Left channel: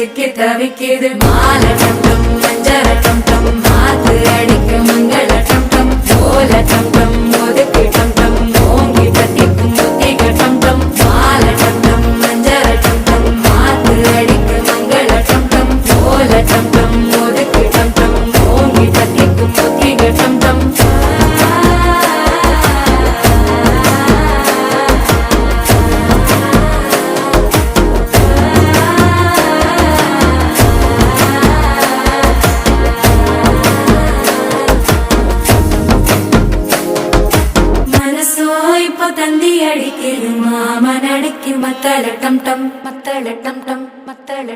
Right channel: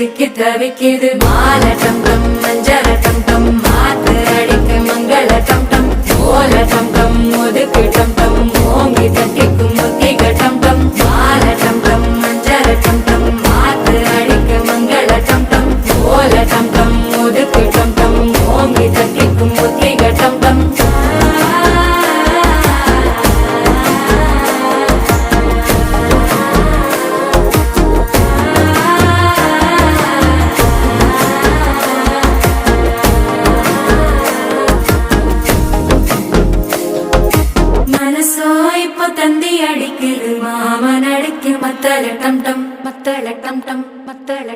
சிக்கி தவிக்குது மால டம் டம் மஞ்சர டம் டம் மாத்து அடிக்க மங்கள டம் டம் ஓல டம் டம் ஒதுக்கு டம் டம் ஓங்கி தட்டிக்கும் புத்திக டம் டம் மால டம் டம் மஞ்சர டம் டம் மாத்து அடிக்க மங்கள டம் டம் ஓல டம் டம் ஒதுக்கு டம் டம் ஓங்கி தட்டிக்கும் புத்திக டம் டம் மனசோ இப்ப தந்தி அடிக்குது மாமன் அடிக்கும் மத்தள டம் டம் மத்தள டம் டம் மத்தள